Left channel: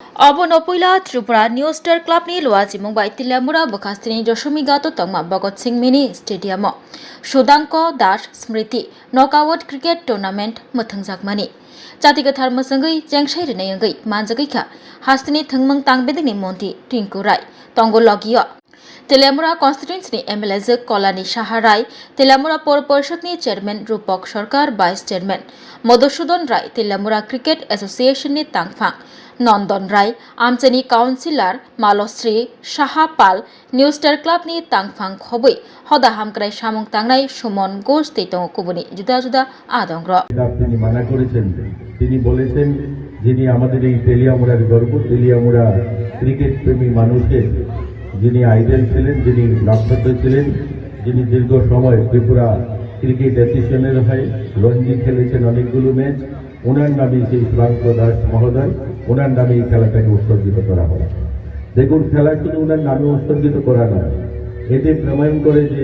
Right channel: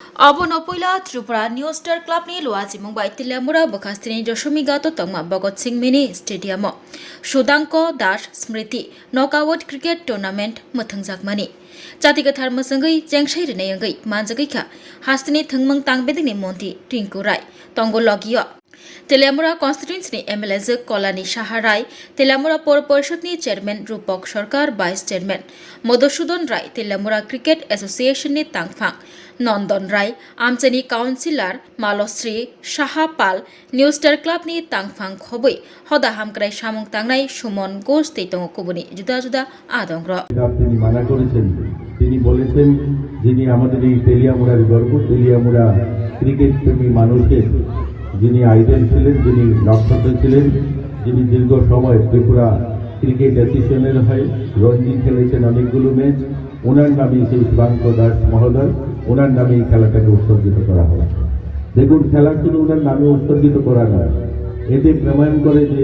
Abonopula Tripura New Star Club ni luaji Mumbai Tilamura Bakastini Joshumi Gato Tongma Bhagat Singh Mini Stadium Shodanko Dash Smriti Knockout Cricket Tournament Muthangjakmani Chatigathar Masangai Jengshai Renayangai Manjagaika Hastini Thangmang Tangbedini Monti Tinku Rai Tongo Logio Telamura constituency MLS Kolani Shaharai Telamura Pur Parishad ni Chairman Rupak Sarkar Vice Chairman Madhusudan Rai Telamura Cricket Association ni Tangphang Nondan Rai Amchani Councillor Malosri Shahapal New Star Club ni Tangphang Khobui Hoda Hamkrai Samung Tangnai Sumon Ghosh Teitong Kubuni Juda Juda Adongro তিনি মানা করেছেন তিনি বলেছেন যিনি আমাদের এই তেলিয়ামুড়ার গর্ব Teliamura cricket প্রেমী মানুষের যিনি আইডল ছিলেন যিনি নক্ষত্র ছিলেন যিনি দীর্ঘ সময় ত্রিপুরা ক্রিকেট অ্যাসোসিয়েশনের হয়ে রঞ্জি খেলেছেন অনেকগুলো ম্যাচ ওনার নামে সেই সুধাংক দাস মহোদয় ওনার নামে এই খেলাটাকে উৎসর্গিত করা হয়। দেখুন খেলা শুধু ওনার নামে উৎসর্গিত করা নয়, এতে প্রমাণ করে যে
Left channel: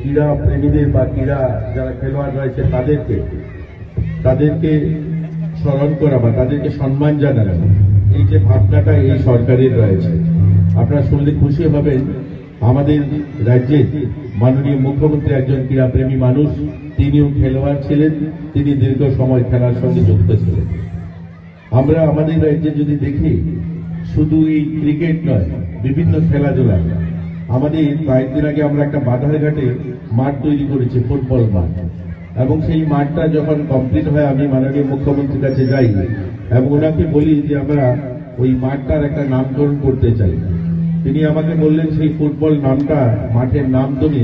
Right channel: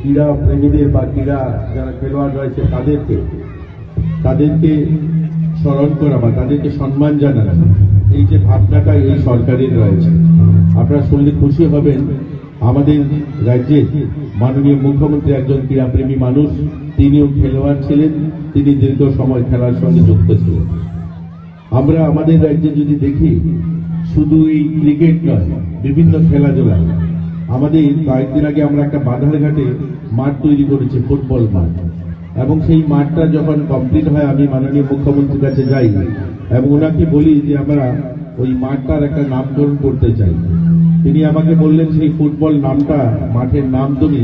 ক্রীড়া প্রেমীদের বা ক্রীড়া যারা খেলোয়াড় রয়েছে তাদেরকে স্মরণ করা বা তাদেরকে সম্মান জানানো, এই যে ভাবনাটা এই সরকারের রয়েছে। আপনারা শুনলে খুশি হবেন, আমাদের রাজ্যে মাননীয় মুখ্যমন্ত্রী একজন ক্রীড়াপ্রেমী মানুষ, তিনিও খেলোয়াড় ছিলেন, তিনি দীর্ঘ সময় খেলার সঙ্গে যুক্ত ছিলেন। আমরা আমাদের রাজ্যে যদি দেখি শুধু এই ক্রিকেট নয়, বিভিন্ন খেলাধুলা, আমাদের কয়েকদিন আগে আমরা একটা বাধারঘাটে মাঠ তৈরি করেছি, ফুটবল মাঠ, এবং সেই মাঠটা যখন কমপ্লিট হয় আমি মাননীয় মুখ্যমন্ত্রীর কাছে যাই এবং ওনাকে বলি যে আমরা ওই মাঠটার একটা নামকরণ করতে চাই। তিনি আমাকে বললেন সেই ফুটবল নামটা, মাঠের নাম তুমি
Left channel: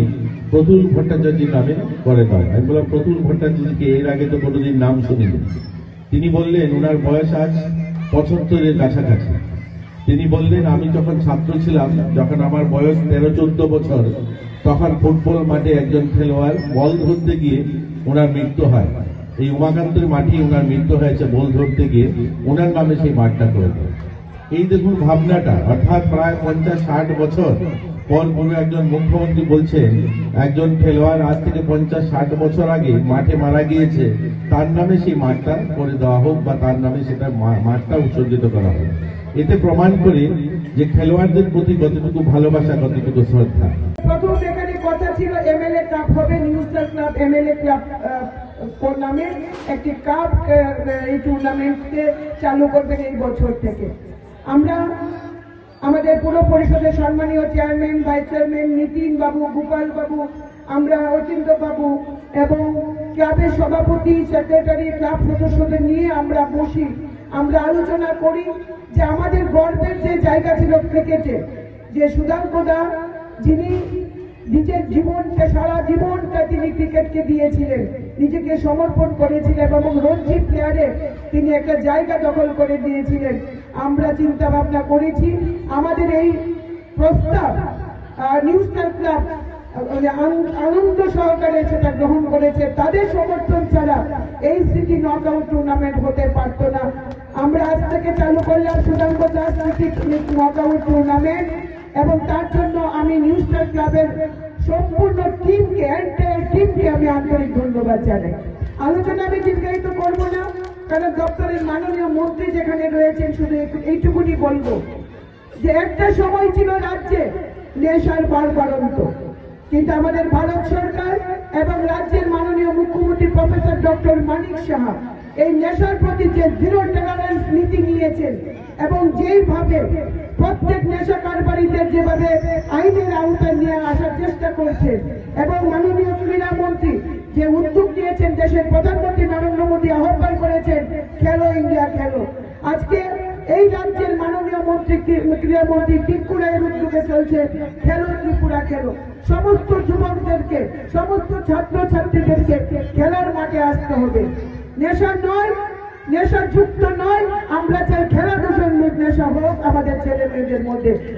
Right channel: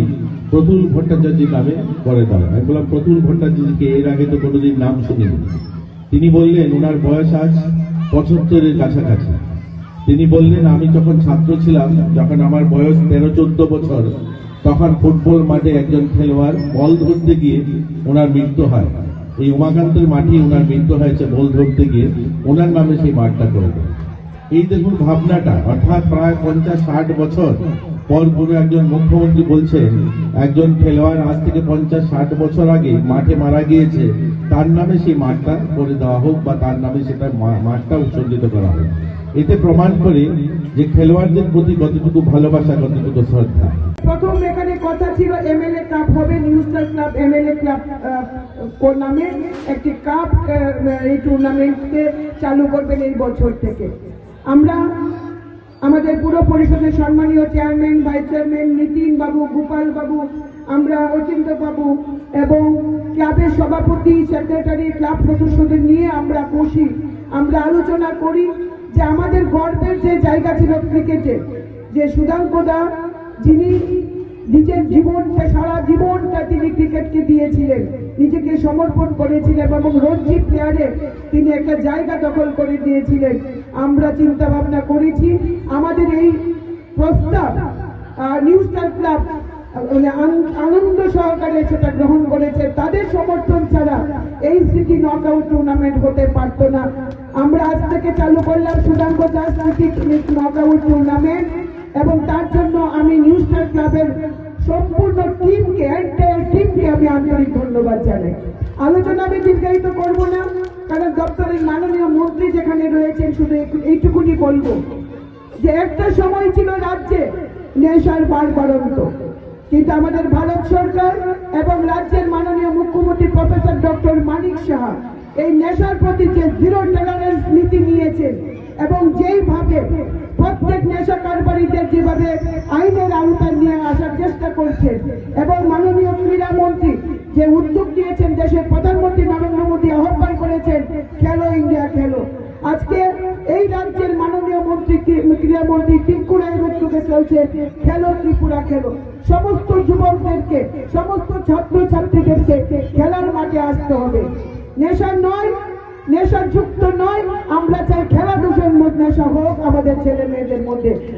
প্রতুল ভট্টাচার্যের নামে করে দাও। আমি বললাম প্রতুল ভট্টাচার্যকে এর আগে তো কোনোদিন নাম শুনিনি। তিনি বললেন ওনার বয়স আজ 75-এর কাছাকাছি। তিনি বললেন আমি যখন ছাত্র ছিলাম, যখন আমার বয়স 13-14 বছর, তখন ফুটবল মাঠে একজন খেলোয়াড় বল ধরতে গিয়ে ওনার মৃত্যু হয়। এই উমাকান্তের মাঠে ওনার মৃত্যু হয়েছে বল ধরতে গিয়ে, ওনার নামে সেই মাঠটা করে দেয়। এই দেখুন ভাবনাটা, অর্থাৎ প্রায় 50-60 বছর পর কোনো একজন মুখ্যমন্ত্রী বলছেন একজন খেলোয়াড় আজ থেকে 50-60 বছর আগে মাঠে মারা গিয়েছে, তার নামে সেই মাঠটা করে দেওয়া হোক বা তার নামে সেটা মাঠটা উৎসর্গিত করা হোক। এতে প্রমাণ করে যে খেলোয়াড়দের প্রতি কতটুকু ভালোবাসা, কতটুকু শ্রদ্ধা। প্রথম যেখানে কথা ছিল এমএলএ কাপ হবে, new star club MLA club নামে একটি কাপ এই টুর্নামেন্টকে চালু করবেন এই বছর থেকে। আমরা আমাদের পুরো পরিষদের সম্মানীয় চেয়ারম্যান, ভাইস চেয়ারম্যান নীতিন বাবু, গোপাল বাবু, আমরা অচিন্ত বাবু এবং ক্লাবের সভাপতি, সেক্রেটারি, ক্লাব সদস্যদের নিয়ে আমরা বসি, আমরা আলোচনা করি যে আমাদের গর্বের যে জায়গা ছিল ক্রিকেটে, যে সুধাংক দা যিনি নিজের জীবনটা, সারা জীবনটা তিনি ক্রিকেটকে দিয়েছিলেন, নিজেকে সমর্পণ করেছিলেন এবং রঞ্জি প্লেয়ারে তিনি একটা জায়গা দখল করে দিয়েছিলেন। আমরা চিন্তা ভাবনা করেছি আমাদের এই প্রস্তাব নিউ স্টার ক্লাব আনন্দ সহকারে সেটা গ্রহণ করেছে। তাদের সমর্থন ছাড়া এই সিটি নকআউট টুর্নামেন্ট হতে পারত না। আমরা আজ থেকে চালু করলাম সুধাংক দাস সিটি নকআউট টুর্নামেন্ট এবং তার জন্য আমি নিউ স্টার ক্লাবের সম্পূর্ণ টিমকে, এন্টায়ার টিমকে আমি আন্তরিক ধন্যবাদ জানাই। আলোচনা আমি দীর্ঘায়িত করবো না, কারণ দপ্তরের মাননীয় মন্ত্রী যেখানে রয়েছেন, শুধু এইটুকুনি বলবো যে একটা সময় ছিল রাজ্যে নেশার বাড়ন্ত, কিন্তু আমাদের ভারত সরকার এবং রাজ্যের মাননীয় মুখ্যমন্ত্রী প্রফেসর ডক্টর মানিক সাহা এই নেশার প্রতি যে জিরো টলারেন্স নীতি নিয়েছেন এবং যেইভাবে প্রত্যেক নেশা কারবারিদের যেভাবে আইনের আওতায় নিয়ে আসার চেষ্টা করছেন এবং মাননীয় ক্রীড়া মন্ত্রী যে উদ্যোগ নিয়েছেন, দেশের প্রধানমন্ত্রী নরেন্দ্র মোদী আহ্বান করেছেন খেলো ইন্ডিয়া খেলো। আজকে এই রাজ্যের মাননীয় মন্ত্রী, ক্রীড়ামন্ত্রী টিঙ্কু রায়ের উদ্যোগে চলছে খেলো ত্রিপুরা খেলো। সমস্ত যুবকদেরকে, সমস্ত ছাত্র ছাত্রীদেরকে খেলার মাঠে আসতে হবে। নেশা নয়, নেশাযুক্ত নয়, আমরা চাই খেলাধুলার নেশা হোক আমাদের ছেলে মেয়েদের মধ্যে।